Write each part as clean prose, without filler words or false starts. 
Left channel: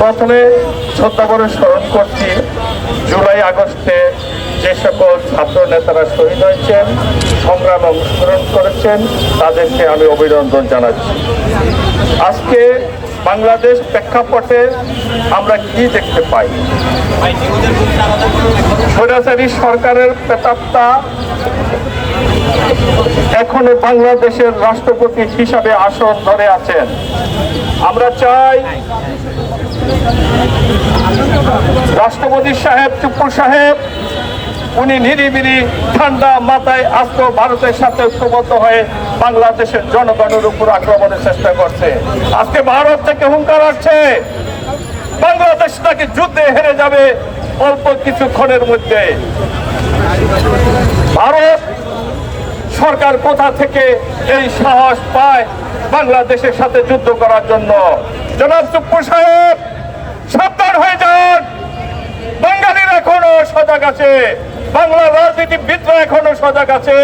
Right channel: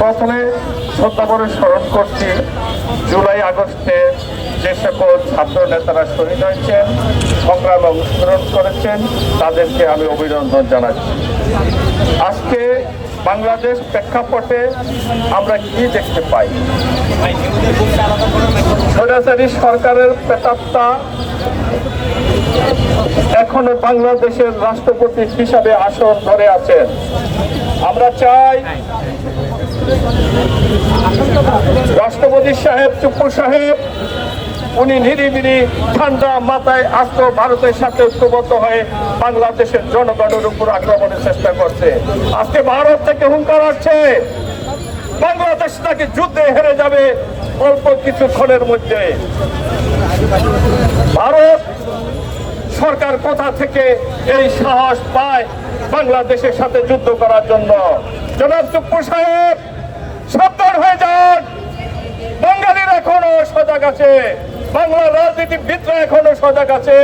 প্রথমে শ্রদ্ধা করে স্মরণ করছি জুলাই আগস্টে যে সকল ছাত্র নেতারা শহীদ হয়েছেন, সংগ্রামে অংশগ্রহণ করেছেন, তাদেরকে আমি অভিনন্দন জানাচ্ছি। আজকে বাংলাদেশ প্রেক্ষাপটে আমরা কি দেখতে পাই? স্বৈরাচারী সরকারের প্রেতাত্মা এখনো বাংলাদেশের রাষ্ট্রপতি হিসাবে আসন ধরে আছেন। আমরা চাই রাষ্ট্রপতি সাহেব, চুপ্পু সাহেব, উনি নিরিবিলি ঠান্ডা মাথায় আজকে ভারতের সাথে ঐক্যবদ্ধ হয়ে বাংলাদেশের জনগণের উপর আক্রমণের চেষ্টা করছে। আজকে ভারত থেকে হুঙ্কার আসছে বাংলাদেশ নাকি যুদ্ধে হেরে যাবে অল্প কিছুক্ষণের মধ্যে। ভারত সরকার কোথা থেকে এই সাহস পায় বাংলাদেশের সাথে যুদ্ধ করার জন্য? জনাব চুপ্পু সাহেব, সাবধান হয়ে যান। বাঙালির এখনো সজাগ আছে, বাংলার রাজনীতিবিদরা এখনো সজাগ আছে,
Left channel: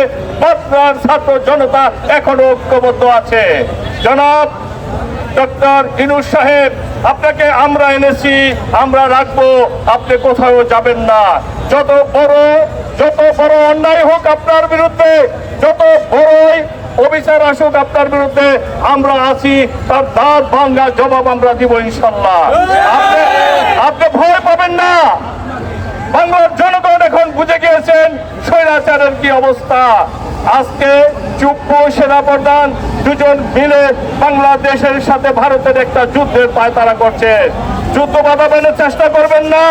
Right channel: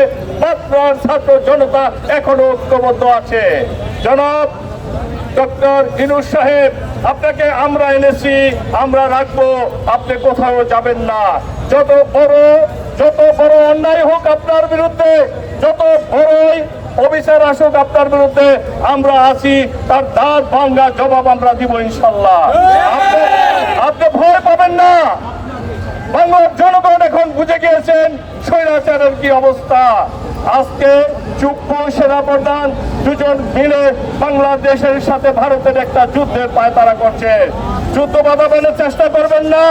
বাংলার ছাত্র জনতা এখনো ঐক্যবদ্ধ আছে। জনাব ডক্টর ইউনূস সাহেব, আপনাকে আমরা এনেছি, আমরা রাখবো, আপনি কোথাও যাবেন না। যত বড় অন্যায় হোক আপনার বিরুদ্ধে, যত বড়ই অবিচার আসুক আপনার বিরুদ্ধে, আমরা আছি, তার দাঁত ভাঙ্গা জবাব আমরা দিব ইনশাল্লাহ। আপনি ভয় পাবেন না। বাংলার জনগণ এখন বুঝে গিয়েছেন স্বৈরাচারের কি অবস্থা। আজকে চুপ্পু সেনাপ্রধান দুজন মিলে বাংলাদেশের সাথে ভারতের একটা যুদ্ধের পায়তারা করছে। যুদ্ধ বাধানোর চেষ্টা করবেন না,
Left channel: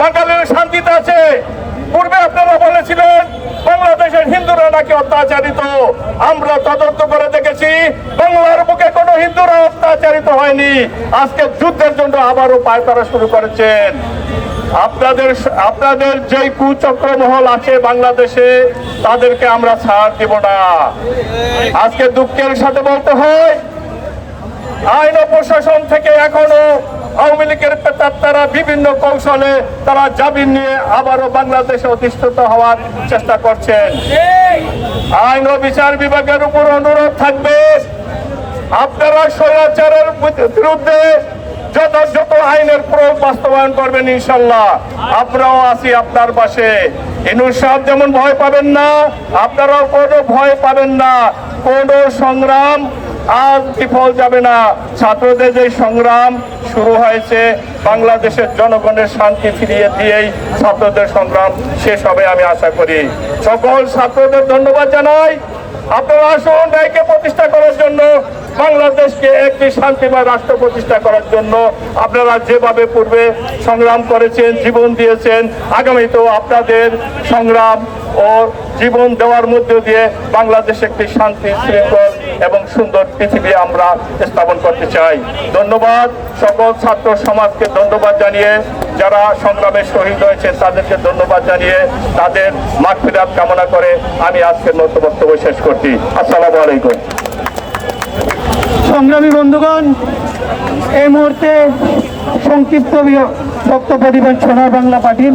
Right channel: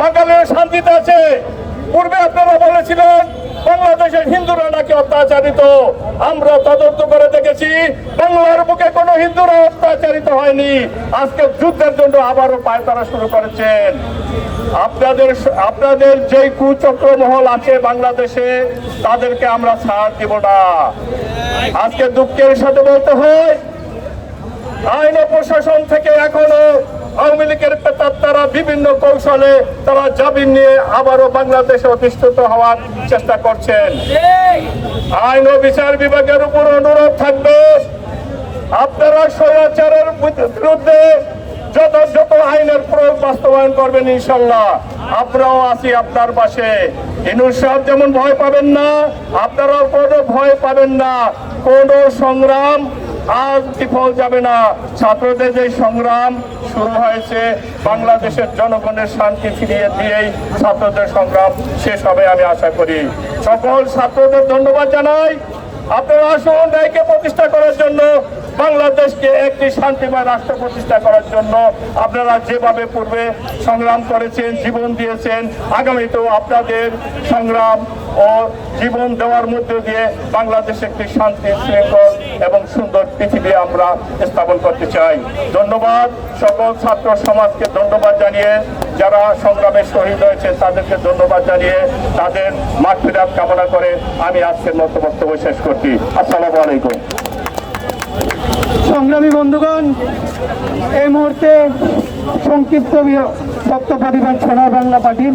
বাঙালির শান্তিতে আছে। পূর্বে আপনারা বলেছিলেন বাংলাদেশের হিন্দুরা নাকি অত্যাচারিত। আমরা তদন্ত করে দেখেছি বাংলার বুকে কোনো হিন্দুরা অত্যাচারিত হয়নি। আজকে যুদ্ধের জন্য আবারও পায়তারা শুরু করেছেন। আপনাদের যে কুচক্র মহল আছে বাংলাদেশে, তাদেরকে আমরা ছাড় দেব না। আজকে দুঃখের সাথে বলতে হয়, আইন ও প্রশাসন থেকে এখনো আওয়ামী লীগের প্রেতাত্মারা বিভিন্ন কৌশলে তারা জামিন নিয়ে আবারও বাংলাদেশে অধিষ্ঠিত হওয়ার চেষ্টা করছেন। আইন ও বিচার বিভাগের উপর অনুরোধ থাকবে, আপনারা স্বৈরাচারের বিরুদ্ধে যথাযথ আইনের প্রয়োগ বাস্তবায়ন করবেন ইনশাল্লাহ। আমরাও আছি আপনার পাশে। ইউনূস সাহেব যেমন ভয় পাবেন না, আপনারাও কোনো ভয় পাবেন না। কোন সংগ্রাম আজ বিফল যাবে না। ছাত্রদের যে সংগ্রাম শুরু হয়েছে, বাংলাদেশের জনগণের শান্তি ফিরিয়ে দিয়েই ছাত্রদের সংগ্রাম শেষ হবে আমি আশা করি। সকল ছাত্রদের ধন্যবাদ জানাই। আপনারা আসুন ন্যায়কে প্রতিষ্ঠা করার জন্য, বাংলাদেশকে একটি শান্তিময় রাষ্ট্র প্রতিষ্ঠা করার জন্য আপনারা যেভাবে পূর্বে সংগ্রাম করেছেন, জীবন দিয়েছেন, আগামীতেও আপনাদের সংগ্রাম ও জীবন দেওয়ার মধ্য দিয়ে বাংলাদেশে একটি শান্তি, শৃঙ্খল এবং সুন্দর পৃথিবী আমরা স্থাপন করতে চাই। ধন্যবাদ। সকল ছাত্র সমাজকে ধন্যবাদ জানিয়ে, যারা সংগ্রামে শহীদ হয়েছেন তাদেরকে ধন্যবাদ জানিয়ে, তাদের মাগফিরাত কামনা করে আমি আজকের বক্তব্য শেষ করছি। আসসালামু আলাইকুম। সংগ্রামী বন্ধুগণ, এই মুহূর্তে সংক্ষিপ্ত বক্তব্য দিবেন সোনার বাংলা পার্টির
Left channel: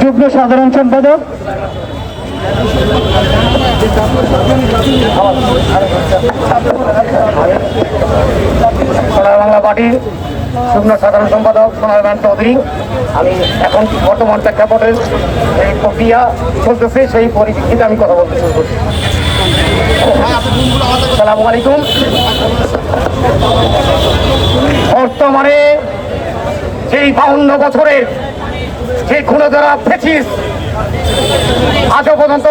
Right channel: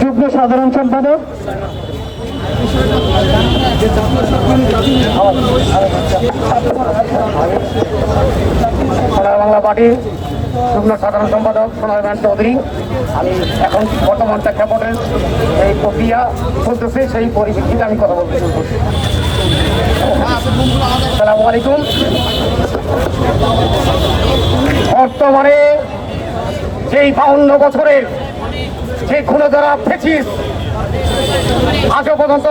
যুগ্ম সাধারণ সম্পাদক সোনার বাংলা পার্টির যুগ্ম সাধারণ সম্পাদক সোনার রান চৌধুরী। আমি এখন বর্তমান প্রেক্ষাপটের এই প্রক্রিয়া চলতেছে, সেই পরিপ্রেক্ষিতে আমি কথা বলতে শুরু করছি। আসসালামু আলাইকুম। বর্তমানে সেই 52 বছরের যে খুনোধরা ফেসিস আজও পর্যন্ত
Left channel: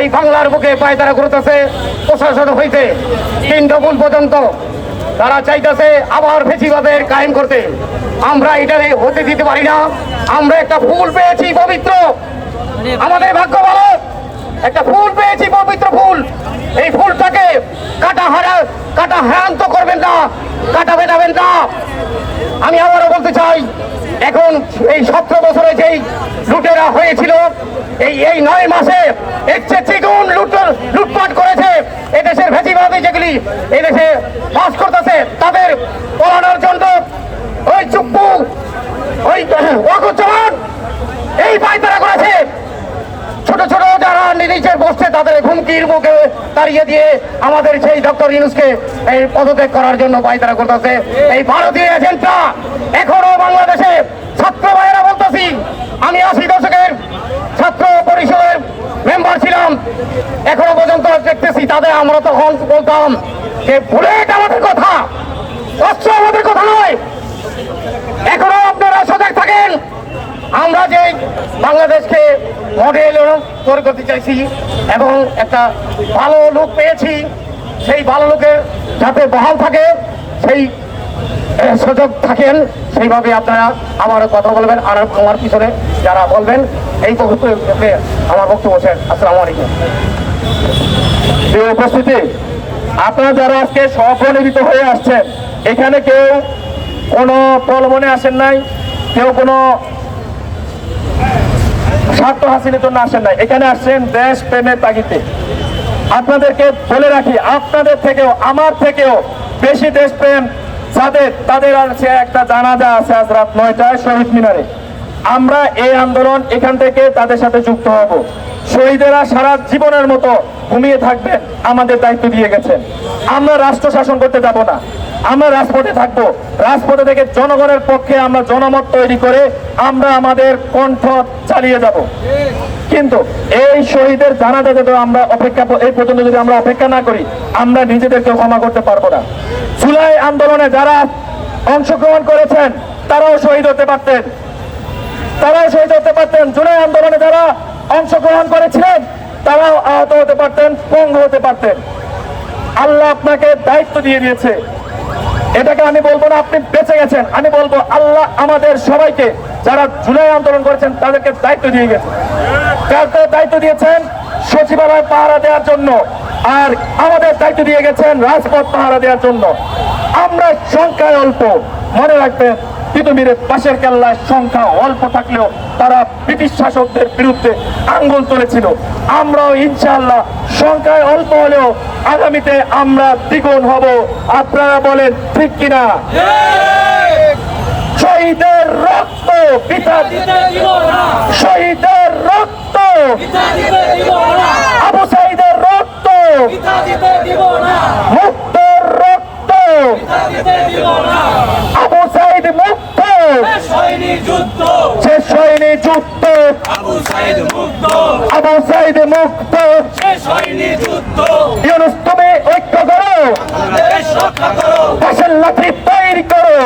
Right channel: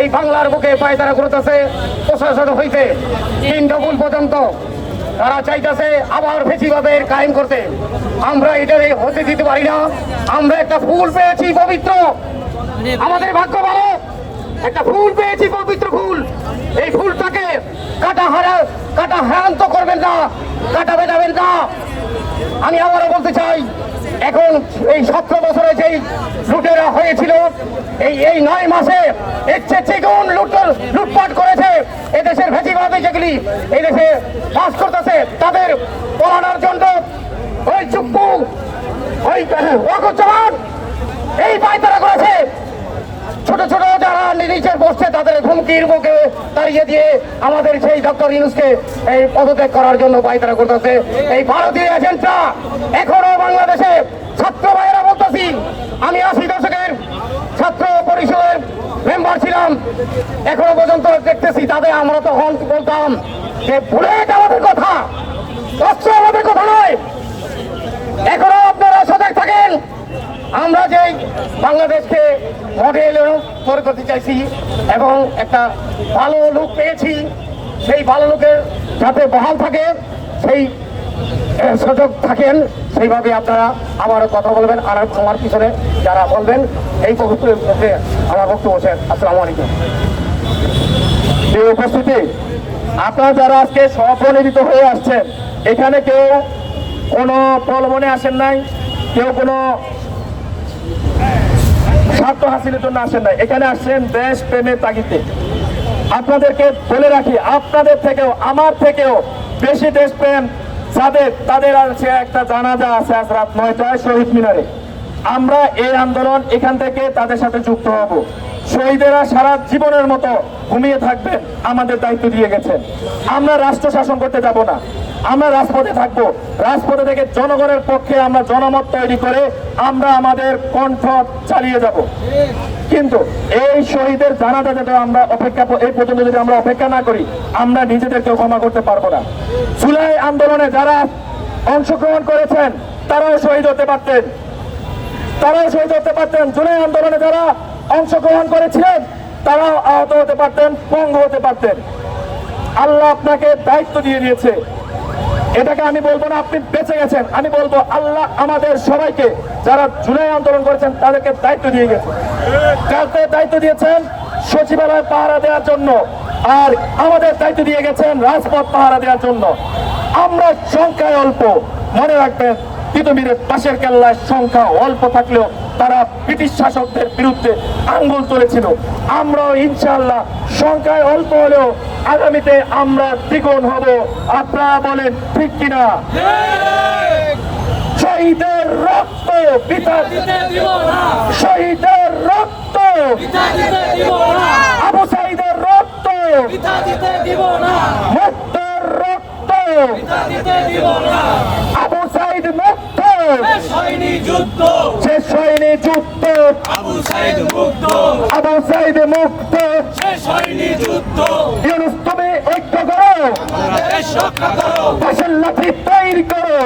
এই বাংলার বুকে পায়তারা করতেছে, প্রশাসন হইতে 3 গুণ পর্যন্ত তারা চাইতেছে আবার ফেসিবাদের কায়েম করতে। আমরা এটা হতে দিতে পারি না। আমরা একটা ফুল পেয়েছি পবিত্র, আমাদের ভাগ্য ভালো, একটা ফুল পেয়েছি পবিত্র ফুল। এই ফুলটাকে কাটা হ্যারান্ত করবেন না, কাটা বেঁধাবেন না। আমি আবারও বলতে চাই, এখন এই 17 বছরে যেই লুটেরা হয়েছিল, এই 9 মাসে এর চেয়ে দ্বিগুণ লুটপাট করেছে এদেশের ফ্যাসিবাদী যেগুলি এদেশে বাস করতেছে, তাদের পলানোর জন্য ওই চুপ্পু, ওই ওয়াকুজ্জামান এই পায়তারা করেছে। ছোট ছোট যারা নিচের বসছে তাদের হুমকির মুখে দাঁড়িয়ে দিয়ে আমাদের সেই ডক্টর ইউনূসকে এই পদত্যাগ করার জন্য পায়তারা করতেছে। এই ভারতীয় এজেন্টরা এখনো বাংলাদেশে ছাত্র ভাইয়েরা বলতেছি, আমি 80 দশকের ছাত্র পরিষদের মেম্বার ছিলাম, এখনো পর্যন্ত দেখতেছি তাদের। আমরা তখন বলতাম যে বুলেট আমাদের কথা, অস্ত্র আমাদের কথা নয়। এখনো আপনারা সজাগ থাকেন। আমরা যে বাংলাদেশকে মডেল তৈরি করতে চাইছি এবং একটা ভালো লোক পেয়েছি, সেই ভালো লোকের যাতে বহাল থাকে, সেই সুযোগ থাকেন, সেইভাবে আপনারা আমারও কথা বলবেন। আর আমার পিছনে যারা বলবেন এই বক্তব্যে আমার বক্তব্য শেষ। আসসালামু আলাইকুম। প্রিয় উপস্থিতি, আপনারা যারা আজকে স্বপ্রণোদিত হয়ে আসছেন, এখানে কেউ কোনো প্রলোভনে আসেন নাই, কেউ কোনো স্বার্থ হাসিলের জন্য আসেন নাই, এখানে আসছেন দেশ প্রেমের তাগিদে। আপনাদেরকে বলে রাখি, আপনাদের থেকেও আমার থেকেও বেশি দেশপ্রেম যাদের, তাদের আছে একটা জানাজা আছে আজ রাত 9টায় শহীদ মিনারে। আমরা এই আন্দোলন এখান থেকে তাদের সাথে যুক্ত হব। শহীদেরা সারা জীবনের মতো ঘুমিয়ে থাকবেন, আমাদের দায়িত্ব দিয়ে গেছেন। আমরা রাষ্ট্র শাসন করতে যাব না, আমরা রাজপথে থাকবো। রাজপথে থেকে জনগণের পক্ষে আমরা জনমত তৈরি করে আমরা আমাদের কণ্ঠ চালিয়ে যাব। কিন্তু এই শহীদের জানাজা যদি আমরা এই পর্যন্ত যদি আমরা অপেক্ষা না করি, আমরা নিজেদেরকে ক্ষমা করতে পারবো না। জুলাই আন্দোলনে যারা অংশগ্রহণ করেছেন তারাও শহীদ হতে পারতেন, জুলাই আন্দোলনে যারা অংশগ্রহণ করেছিলেন তারাও আহত হতে পারতেন, পঙ্গু হতে পারতেন। আল্লাহ আপনাকে দায়িত্ব দিয়ে দিয়েছে। এটাকে আমি বলবো না আপনি বেঁচে গেছেন, আমি বলবো আল্লাহ আমাদের সবাইকে, যারা জুলাই আন্দোলন করেছেন তাদেরকে দায়িত্ব দিয়ে গেছেন। কাউকে দায়িত্ব দিয়েছেন সচিবালয় পাহারা দেওয়ার জন্য, আর আমাদের দায়িত্ব দিয়ে গেছেন রাজপথ পাহারা দেওয়ার জন্য। আমরা সংখ্যায় অল্প, মনে রাখবেন তিতুমিরের পাশের কেল্লায় সংখ্যা অল্প থাকলেও তারা ব্রিটিশ শাসকদের বিরুদ্ধে আঙ্গুল তুলেছিল। আমরাও ইনশাআল্লাহ সংখ্যায় অল্প হলেও আগামীতে আমরা দ্বিগুণ হব। আপনারা বলেন ঠিক কিনা? শহীদের রক্ত পিতা দিতে দিব না, শহীদের রক্ত পিতা দিতে দিব না, আবু সাঈদের রক্ত পিতা দিতে দিব না, মুক্তর রক্ত পিতা দিতে দিব না, আবু সাঈদ মুক্ত, শেষ হয়নি যুদ্ধ, শেষ হয়নি যুদ্ধ, আবু সাঈদ মুক্ত, আবু সাঈদ মুক্ত, শেষ হয়নি যুদ্ধ। ইউনূস তুমি ঐক্য করো, বাংলাদেশ রক্ষা করো, দেশের লাঠি তৈরি করো,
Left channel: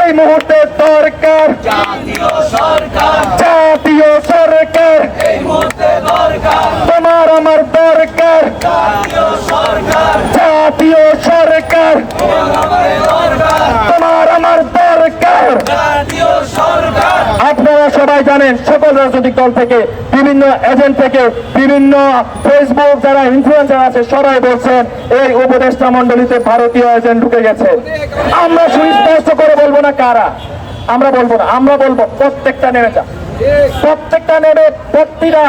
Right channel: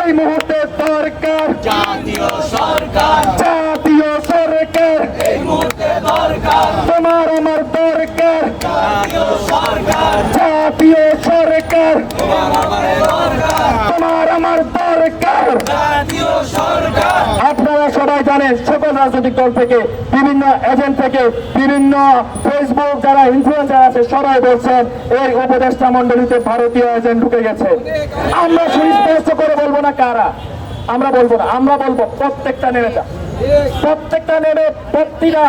এই মুহূর্তে দরকার জাতীয় সরকার, জাতীয় সরকার, এই মুহূর্তে দরকার তোমার আমার দরকার, জাতীয় সরকার, জাতীয় সরকার, তোমার আমার দরকার, জাতীয় সরকার। আপনারা সবাই জানেন সকল রাজনৈতিক দল থেকে, বিভিন্ন এজেন্ট থেকে, বিভিন্ন ফেসবুক যারা ইনফ্লুয়েন্সার আছে সবাই বলছেন এই উপদেষ্টা মন্ডলীতে ভারতীয় এজেন্ট ঢুকে গেছে। আমরা সুস্পষ্ট করে বলবো না কারা, আমরা বলবো না, আমরা বলবো প্রত্যেকটা নেমে যা, প্রত্যেকটা নেমে প্রতিটা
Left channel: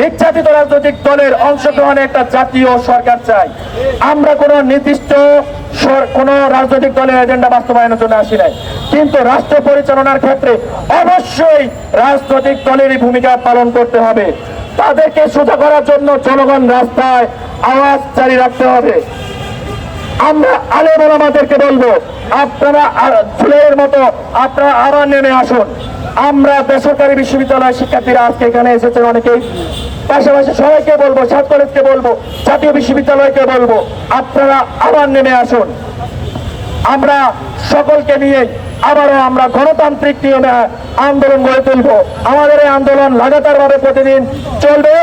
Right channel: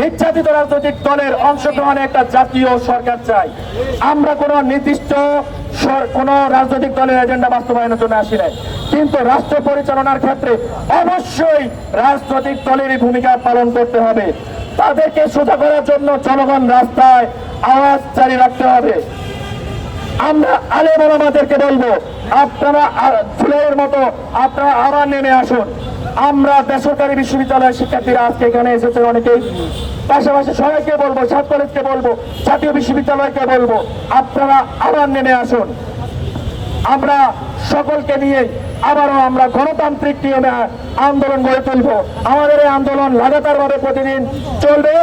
নির্যাতিত রাজনৈতিক দলের অংশগ্রহণে একটা জাতীয় সরকার চাই। আমরা কোনো নির্দিষ্ট কোন রাজনৈতিক দলের এজেন্ডা বাস্তবায়নের জন্য আসি নাই, কিন্তু রাষ্ট্র পরিচালনার ক্ষেত্রে অবশ্যই রাজনৈতিক দলেরই ভূমিকা পালন করতে হবে। তাদেরকে সোজা করার জন্য জনগণ রাস্তায় আওয়াজ জারি রাখতে হবে। আমরা আলেম ওলামাদেরকে বলবো, আপনারা জুলাইয়ের মতো আপনারা আবার নেমে আসুন। আমরা বেসরকারি বিশ্ববিদ্যালয়ের শিক্ষার্থীরা আজকে এখানে এসেছেন অনেকেই, পাশাপাশি সবাইকে বলবো, ছাত্র কলেজকে বলবো, জাতীয় বিশ্ববিদ্যালয়কে বলবো, আপনারা আবার নেমে আসুন। আমরা সকলকে নিয়ে আবারও আমরা গণতান্ত্রিক নিয়মে আন্দোলন গড়ে তুলবো। আমাদের এই আন্দোলন লাগাতারভাবে প্রতিদিন চলবে।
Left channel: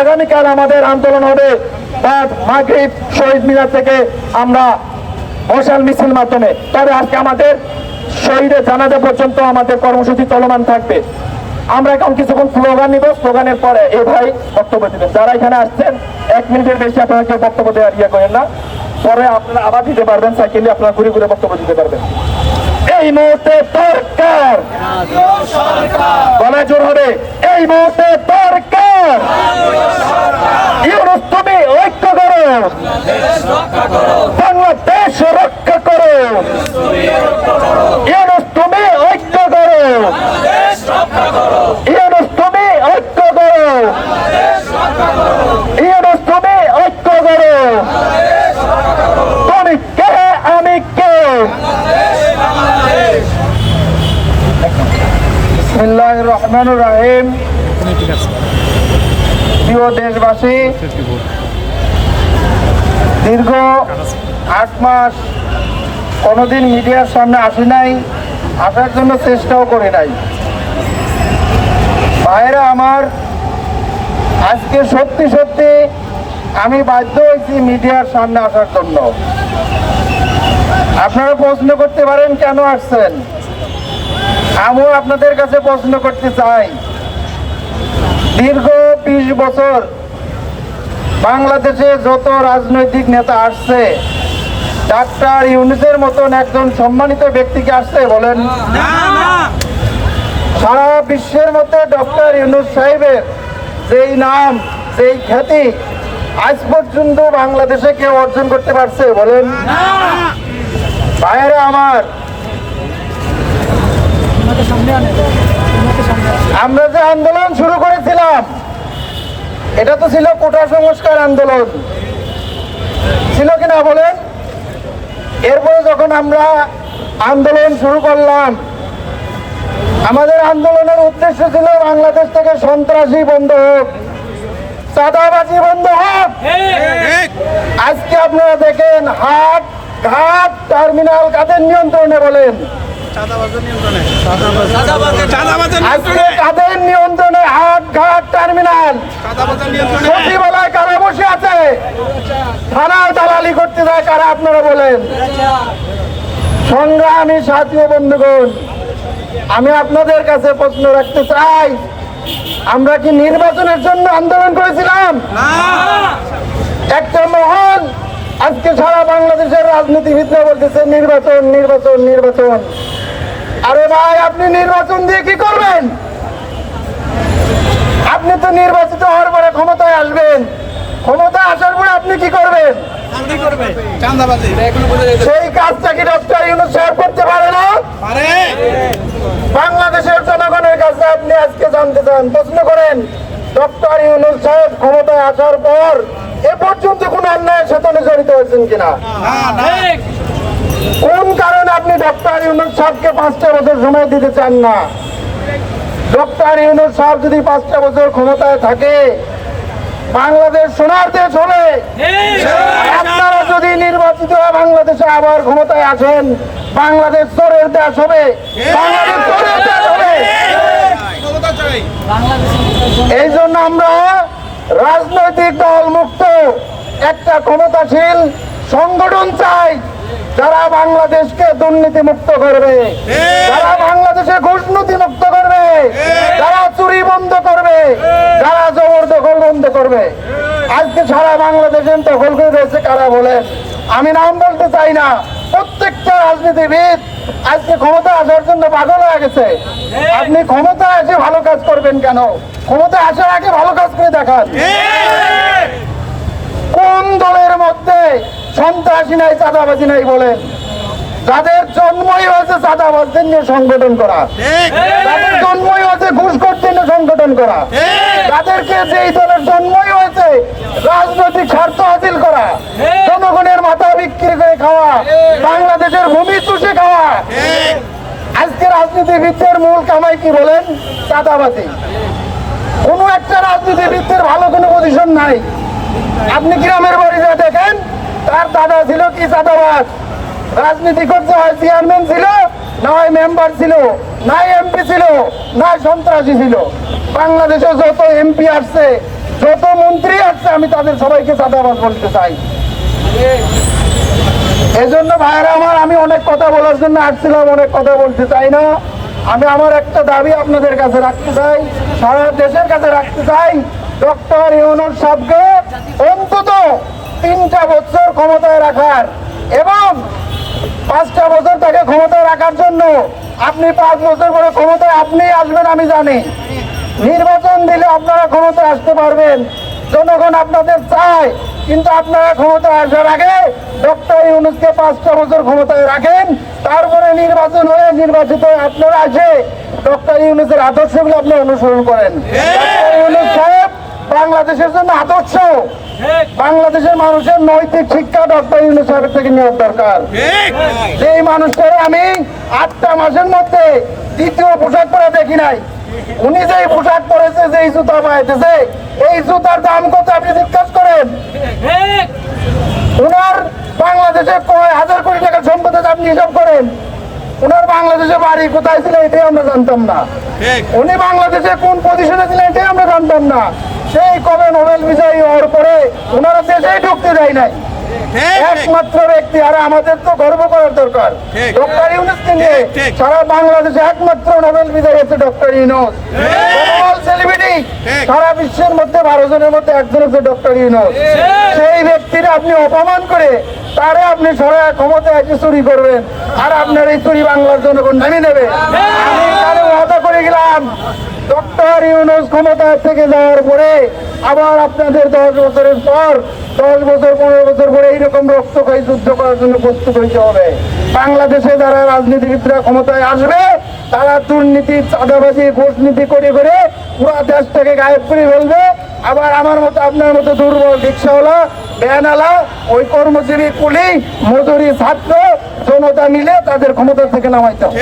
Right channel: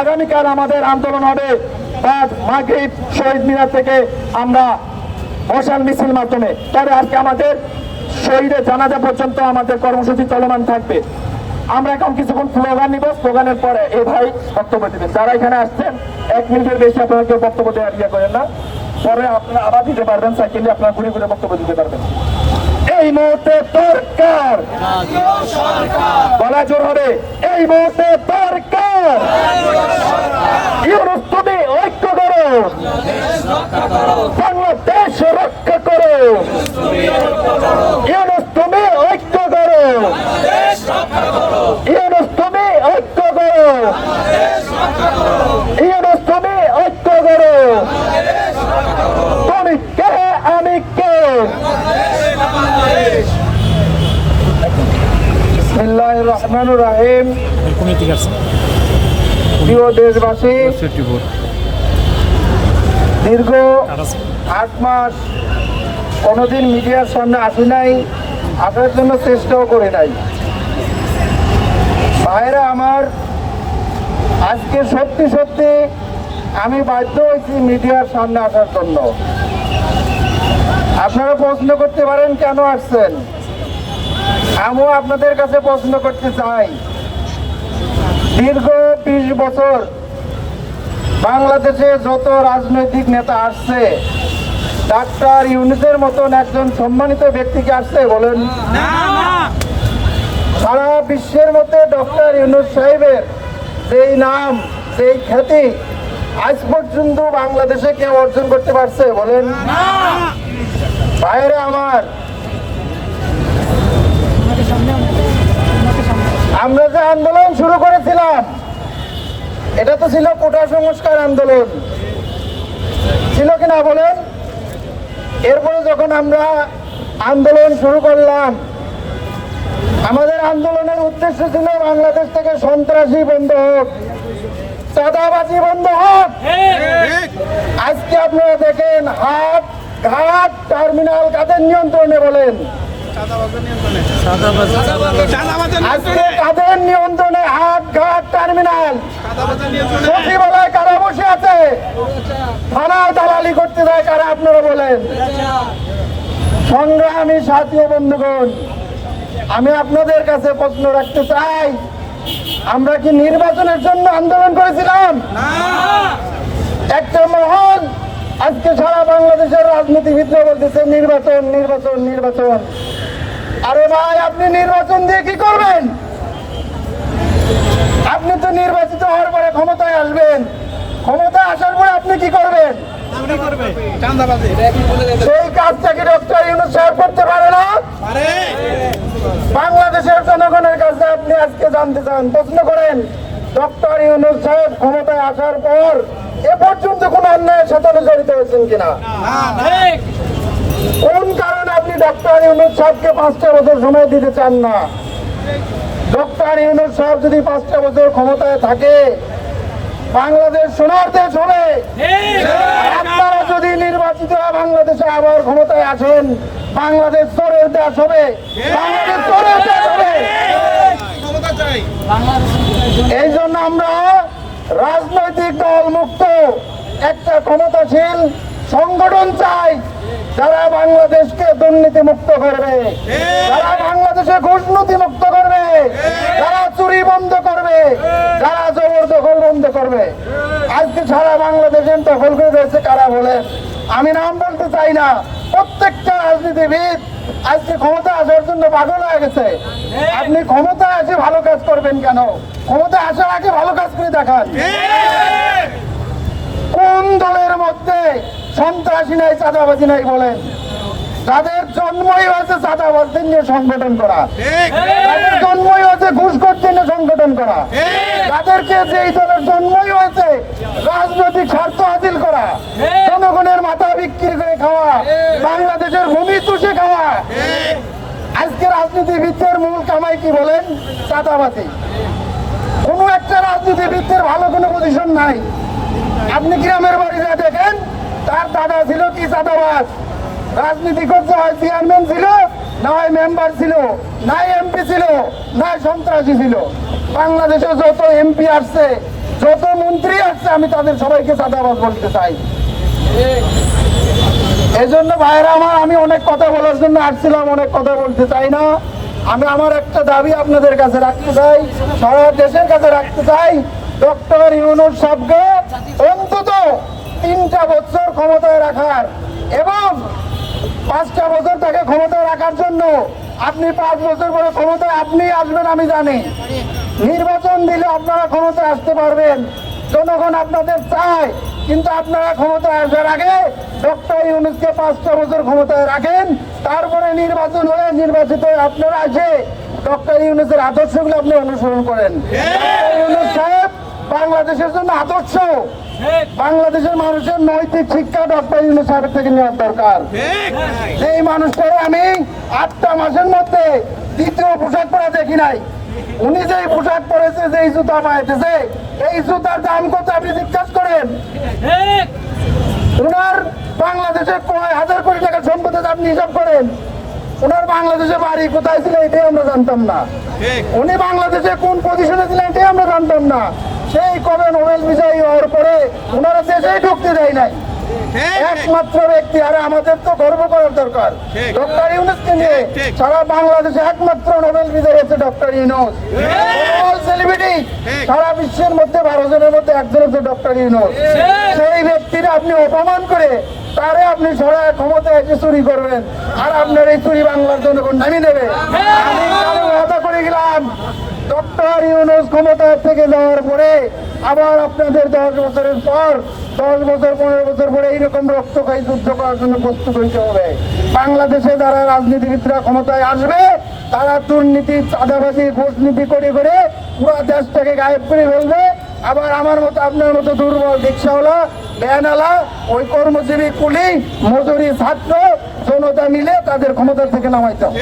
আগামীকাল আমাদের আন্দোলন হবে রাত মাগরিব শহীদ মিনার থেকে আমরা মশাল মিছিল মাধ্যমে। তবে আজকে আমাদের শহীদের জানাজা পর্যন্ত আমাদের কর্মসূচি চলমান থাকবে। আমরা এখন কিছুক্ষণ স্লোগান নিব, স্লোগানের পরে এ ভাই বক্তব্য দিবেন। যারা এখানে আসছেন 1 মিনিটের বেশি আপনারা কেউ বক্তব্য দেওয়ার ইয়ে করেন না, পরে আপনারা আবার দিতে পারবেন, সাইকেলে আপনারা ঘুরে ঘুরে বক্তব্য দিতে পারবেন। এই মুহূর্তে দরকার বলা জোর হবে, এই মুহূর্তে দরকার ইউনূস তুমি ঐক্য করো, বাংলাদেশ রক্ষা করো, ইউনূস তুমি ঐক্য করো, ইউনূস তুমি ঐক্য কে আমি কে বিসমিল্লাহির রহমানির রহিম। প্রিয় দেশবাসী, দীর্ঘ 8 মাস কোনোদিন মিডিয়ার সামনে আসি নাই, আসার জন্য চেষ্টাও করি নাই। ভাইরা আমার, আজকে সত্যি সত্যি আমি বাধ্য হয়েছি মিডিয়ার সামনে আসার জন্য। আপনারা প্রশ্ন করতে পারেন কেন আসছেন, আমিও আপনাদের কাছে প্রশ্ন করতে চাই। দীর্ঘ 20 বছর বাংলাদেশে যত রাজনৈতিক নেতা আসছে, ডাক্তার ইউনূসের মতন একজন সম্মানিত ব্যক্তিকে আসছে বলেন? সারা বিশ্বের মধ্যে ডক্টর ইউনূস সাহেবের যেই নাম, যেই খ্যাতি আজ পর্যন্ত বাংলাদেশে কেউ অর্জন করতে পারছে বলেন? ভাইয়েরা আমার, আমরা যে আন্দোলন শুরু করেছিলাম এটা তো ছিল কোটা সংস্কার আন্দোলন, ছিল কিনা বলেন? এরপরে যখন আমরা আন্দোলন শুরু করলাম, আমাদের আন্দোলনের উদ্দেশ্য ছিল বাংলাদেশ থেকে সন্ত্রাসী বন্ধ হোক, চাঁদাবাজি বন্ধ হোক। আজকে আপনারা দেখেন হাট ঘাট টার্মিনাল কাদের নিয়ন্ত্রণে বলেন? আজকে কাদের নিয়ন্ত্রণে হাট ঘাট টার্মিনাল? সচিবালয় কারা বসে আছে? থানায় দালালি করতে যায় কারা আপনারা বলেন? সংগ্রামী সাথী ও বন্ধুগণ, আমি আপনাদের কাছে প্রশ্ন রাখতে চাই, আমরা কি নির্বাচনের জন্য আন্দোলন করেছিলাম? একটা মহল আজকে সারা বাংলাদেশের রাজনীতিবিদরা বলতেছে নির্বাচন নির্বাচন নির্বাচন। আরে ভাই, আপনি নির্বাচন দিয়ে কি করবেন? আপনি তো নির্বাচিত হওয়ার পরে ক্ষমতায় আসবেন, ক্ষমতায় আসার পরে আপনি কি করবেন? সেই কাজটা কি ডক্টর ইউনূস সাহেব করতে পারে না? বাংলাদেশের জনগণের কাছে আপনি আজকে জানতে চান, প্রশ্ন করেন, ডক্টর ইউনূস সাহেব ক্ষমতায় আসার পর এ পর্যন্ত কোন অন্যায়ের সাথে জড়িত হয়েছেন কিনা? কোন কারণে আপনি ডক্টর ইউনূস সাহেবকে 5টা বছর সময় দিতে চান না? ডক্টর ইউনূস সাহেব যদি 5টা বছর ক্ষমতায় থাকে, বাংলাদেশ সোনার দেশ হবে। আপনারা যদি নির্বাচিত হয়ে বাংলাদেশে আবার ক্ষমতায় আসেন, বাংলাদেশ চোরের দেশ হবে, বাংলাদেশ চোরের দেশ হবে। এই জন্য আমরা রাজনৈতিক দল মুক্ত একটা ক্ষমতাশীল সংগঠন চাই, যারা বাংলাদেশকে দুর্নীতি মুক্ত করবে, যারা বাংলাদেশে ঘুষনীতি মুক্ত করবে, যারা চুরি বন্ধ করবে, যারা জবরদখল বন্ধ করবে। আজকে সারা বাংলাদেশের দখল করে রয়েছে কারা বলেন? আমি নাম বলতে চাই না, প্রত্যেকটা রাজনীতিবিদ আজকে ক্ষমতা আসার জন্য পাগল হয়ে গেছে। আপনি ক্ষমতায় এসে ভালো কাজ করবেন কেন? ক্ষমতায় আসার আগে ভালো কাজ করে দেখান। কোন দলের মধ্যে সন্ত্রাসী নাই, চাঁদাবাজি নাই বলেন? যাদের জন্মই হয়েছে চাঁদাবাজদের নিয়ে সংগঠন করা, যাদের জন্মই হয়েছে ঘুষখোরদের নিয়ে সংগঠন করা, তাদেরকে যেই দলের জন্মই হয়েছে রাজনৈতিক স্বার্থ হাসিল করা, জনগণের মাথা বিক্রি করে খাওয়া, বাংলাদেশের ভূমি চুষে খাওয়া। আজকে রাজনীতিবিদদের মূল কামাই কি বলেন? চাঁদাবাজি। কোন একটা রাজনীতিবিদদের ভালো কোনো পজিশন নাই। আপনি গ্রামের বাড়ি যা দেখেন, তার দাদা ছিল কি চাঁদাবাজ, রাজনীতি করতে হয় চেয়ারম্যান ছিল, না হয় মেম্বার ছিল, না এমপি ছিল, না সন্ত্রাসী ছিল। বাংলাদেশে যত এমপি আসছে, যত মন্ত্রী আসছে, আমি তাদের সবাইকে চাঁদাবাজ বলতে চাই। এজন্য ভাইরা আমার, আমি অনেক কথা বলার জন্য আসছিলাম, অনেক কথা বলতে চাই না। আমি আমার একটা দাবি আপনাদের কাছে রাখতে চাই, সারা দেশের কাছে রাখতে চাই, ডক্টর ইউনূস সাহেবকে অন্তত 3টা বছর ক্ষমতায় রাখার এবং 5টা বছর তাকে ক্ষমতায় রাখার জন্য আপনি 5 বছর পরে ক্ষমতায় আপনি আসবেন আমি জানি। নির্বাচন দিলে আপনারা ক্ষমতায় আসতে পারবেন, জনগণ আপনাদের চায়, কিন্তু আপনারা ক্ষমতায় আসার আগে ডক্টর ইউনূসকে 5টা বছর ক্ষমতায় রাখেন, তারপরে নির্বাচন হয়ে নির্বাচিত হয়ে আপনারা আসে ডক্টর ইউনূসের আদর্শগুলো আপনারা অনুসরণ করেন। ডক্টর ইউনূস সাহেব বাংলাদেশের জন্য আদর্শ, বাংলাদেশের মানুষের নৈতিক শিক্ষা ডক্টর ইউনূস সাহেবের থেকে নেওয়ার দরকার। এই মানুষটারে আমি 8টা মাসের মধ্যে দ্বিতীয় পোশাক পরে দেখি নাই। উনি যেই পোশাক পরেছে, যেই জুতা পাইতেছে, এই জুতার দাম কত আপনি জিজ্ঞাসা করেন। উনার বাংলাদেশে কয় হাজার কোটি টাকা সম্পদ আছে আপনি হিসাব করেন। উনার বাংলাদেশে বাড়ি কোথায় ছিল এটাই আমরা জানতাম না। উনি বাংলাদেশে কোন পজিশনে ছিলেন এটাই আমরা জানতাম না। সেই কবে নোবেল বিজয়ী হওয়ার পরে ওনারা দেশেই ঢুকতে দেয় নাই। একমাত্র ব্যক্তি, আর আমাদের তো গর্ব করার দরকার ডক্টর ইউনূসকে নিয়ে। সারা বাংলাদেশে একমাত্র নোবেল বিজয়ী হচ্ছে ডক্টর ইউনূস। সেলিব্রিটি সারা বিশ্বের মধ্যে 12 জনের মধ্যে একজন হচ্ছে ডক্টর ইউনূস। সেই ব্যক্তির আপনি অপমান করে তারে আপনি সরায় ক্ষমতায় এসে চুরি করবেন, আর আপনার এই চুরি বাংলার জনগণ নামিয়ে দেবে। আমি তাহলে ওয়াদা করে গেলাম, ডক্টর ইউনূস ক্ষমতা থেকে যাওয়ার পরে আবার আপনাদের 10 বছরের পর, 10 বছর 15 বছর পরে এইরকম রক্তক্ষয়ী যুদ্ধ করার জন্য প্রস্তুত হইতে হবে। বাংলাদেশে যারা রাজনীতিবিদরা ক্ষমতায় আসবে তারা দুর্নীতি, চাঁদাবাজি, ঘুষনীতি করে করে পুরো দেশটাকে গায়েব করে ফেলবে। আবার আমার মতো, আপনার মতো দুর্বল রিক্সাওয়ালা, ভ্যানওয়ালা, ওই কর্মজীবী, কুলি, মজুরি, ছাত্র জনতা মিলে তাদের ক্ষমতা থেকে নামাইতে হবে।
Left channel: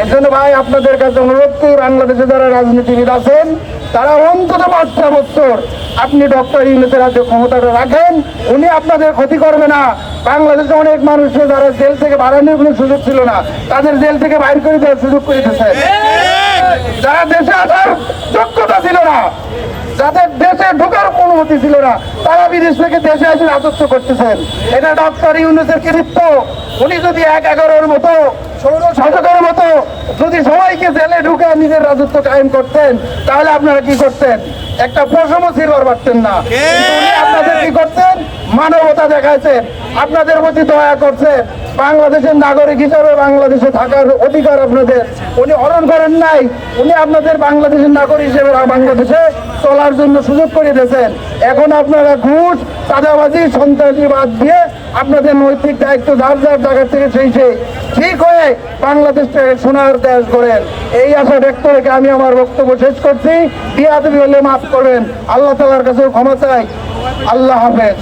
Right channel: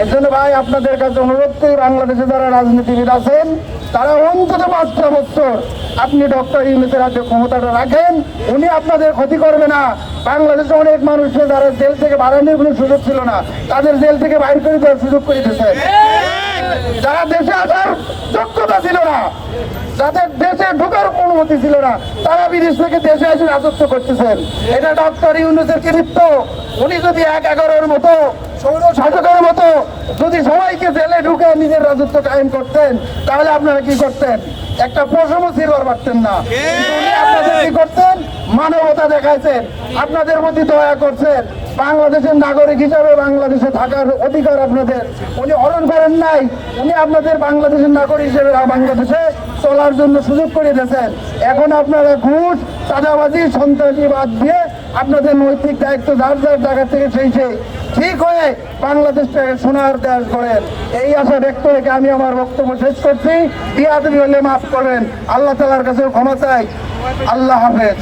এর জন্য ভাই আপনাদের কাছে অনুরোধ করি, বাংলাদেশে যারা রাজনীতিবিদ আছেন তারা অন্তত 5টা বছর আপনি ডক্টর ইউনূসের হাতে ক্ষমতাটা রাখেন। উনি আপনাদের ক্ষতি করবে না। বাংলাদেশে অনেক মানুষকে যারা জেল থেকে বাড়ানোর কোনো সুযোগ ছিল না, তাদের জেল থেকে বাইর করে দেওয়ার সুযোগ করে দিয়েছেন। যারা দেশে আসার যোগ্যতা ছিল না, যাদের দেশে ঢোকার অনুমতি ছিল না, তারা বিদেশ থেকে দেশে এসে রাজত্ব করতেছেন। এটা ডক্টর ইউনূসের কৃতিত্ব। উনি যদি 11-11-এর মতো, 16-17-এর মতো যদি সবাইকে জেলে ঢুকে নিজের রাজত্ব কায়েম করতেন, তাহলে আপনারা কি করতেন? একটা পশমও ছিঁড়বার পারতেন না। কিন্তু উনি আপনাদের কি করতেন? মানবতা দেখাচ্ছেন, আপনাদের প্রতি দয়া করছেন। বাংলাদেশের নাগরিক হিসাবে বাংলাদেশে থাকার অধিকার আপনাদের উনি হরণ করেন নাই। উনি আপনাদের বাংলাদেশের নাগরিক হিসেবে বাংলাদেশে চলার জন্য সুযোগ করে দিয়েছেন। এখন আপনারা ঘুষ, চাঁদাবাজি, সন্ত্রাসীবাদ দিয়ে আপনাদের নৈতিক দায়িত্ব যার যার জায়গা থেকে সেই ঠিক হয়ে বাংলাদেশটাকে সোনার দেশ করেন। এই আশা ব্যক্ত রেখে আমি আমার বক্তব্য শেষ করছি। বিয়াদবি হলে মাফ করবেন, আল্লাহ তাআলার কাছে ক্ষমা চাই। আল্লাহ হাফেজ।